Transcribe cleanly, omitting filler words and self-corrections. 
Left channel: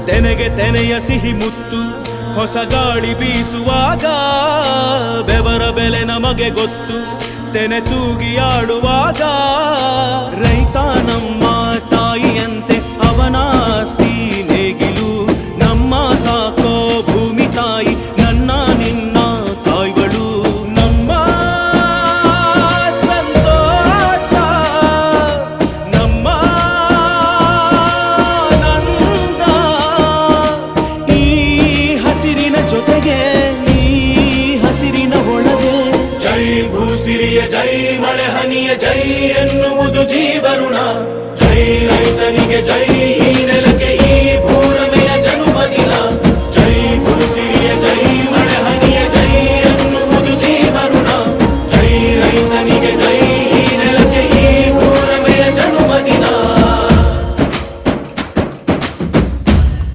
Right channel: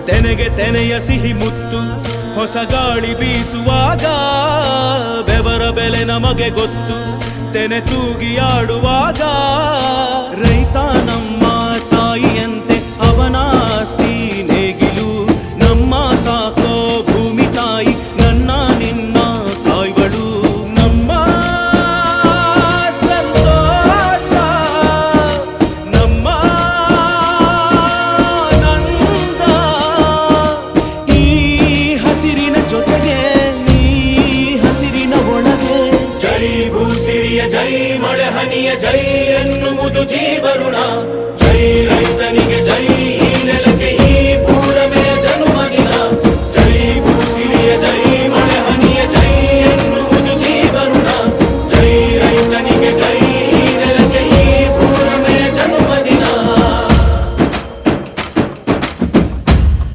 ತೆನೆಗೆ ತೆನೆಯ ಸಿಹಿ ಮುತ್ತು ಹೊಸ ಗಾಳಿ ಬೀಸುವಾಗ ಬೆವರ ಬೆಲೆ ನಮಗೆ ಗೊತ್ತು ತೆನೆ ತೂಗಿ ಆಡುವಾಗ ರೈತ ನಮ್ಮ ತಾಯಿಯಂತೆ ಅವನಾಸ್ತಿ ನೇಗಿಲು ನಮ್ಮ ಸಾಕೋ ಭೂಮಿ ತಾಯಿ ನನ್ನ ನಿನ್ನ ಕಾಯ್ಗಳು ನಮ್ಮ ಸಂತೋಷ ನಮ್ಮ ನಂದ ಈ ಹಸಿರಿನ ಜೊತೆಗೆ ಈ ಹಸಿರಿನ ಒಳಗೆ ಜೈ ಭೂಸಿರಿಯ ಜೈ ಮಳೆ ಹನಿಯ ಜೈ ಎನ್ನುವುದು ಜೀವರುಣ